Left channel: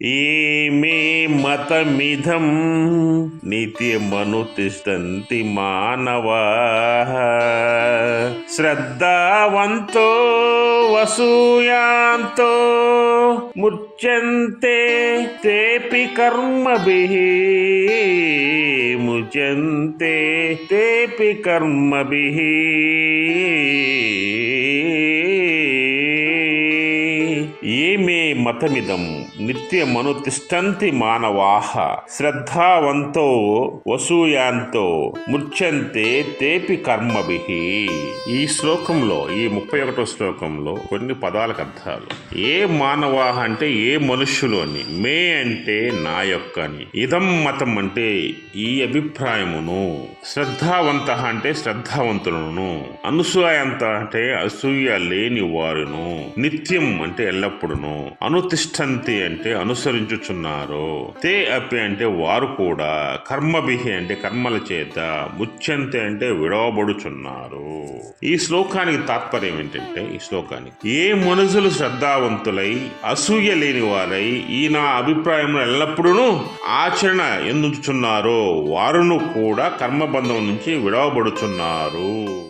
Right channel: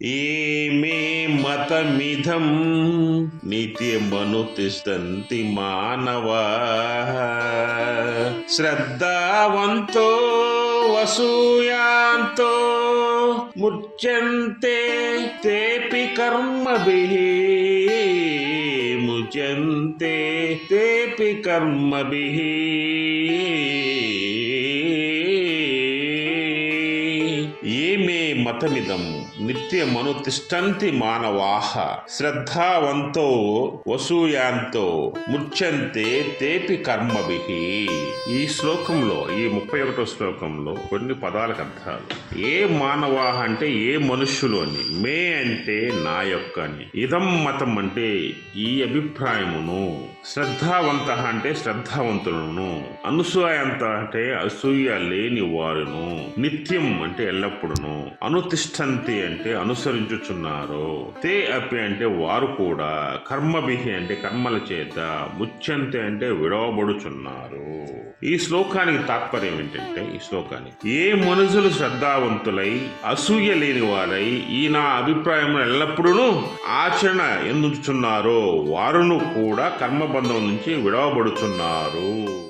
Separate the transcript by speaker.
Speaker 1: ఏమే మతమిధం నిత్యమనుతిష్టంతి మానవా శ్రద్ధావంతో వసూయాంతో ముచ్యంతే తేపి కర్మభిః ముచ్యంతే తేపి కర్మభిః ఏమే మతమిదం నిత్యమనుతిష్టంతి మానవాహ శ్రద్ధావంతో వసూయాంతో ముచ్చంతే తేపి కర్మభి. ఈ శ్లోకంలో ఈ ముప్పై ఒకటో శ్లోకంలో కొన్ని పదాలకు అర్థాలు. ఏ మానవాహ అంటే ఏ మనుష్యులోని? మే అంటే నా యొక్క అని ఇదం మతం అంటే ఈ అభిప్రాయమును. శ్రద్ధావంత అంటే శ్రద్ధావంతులను. అనసూయంత అంటే అసూయ లేని వారును. నిత్యం అంటే ఎల్లప్పుడును. అనుతిష్టంతి అంటే అనుసరించుచున్నారు. తే అపి అంటే వారు కూడా కర్మభిహి అంటే కర్మల చేత ముచ్చంతి అంటే విడవబడుచున్నారు. ఈ శ్లోకానికి తాత్పర్యం ఏంటంటే ఈ శ్లోకానికి ఏ మనుషులు శ్రద్ధావంతులై అసూయ లేని వారై ఈ నా అభిప్రాయంలో ఎల్లప్పుడూ ఆచరణ ఎందుచున్నారో వారును కూడా కర్మబంధం నుంచి విడవబడుచున్నారు.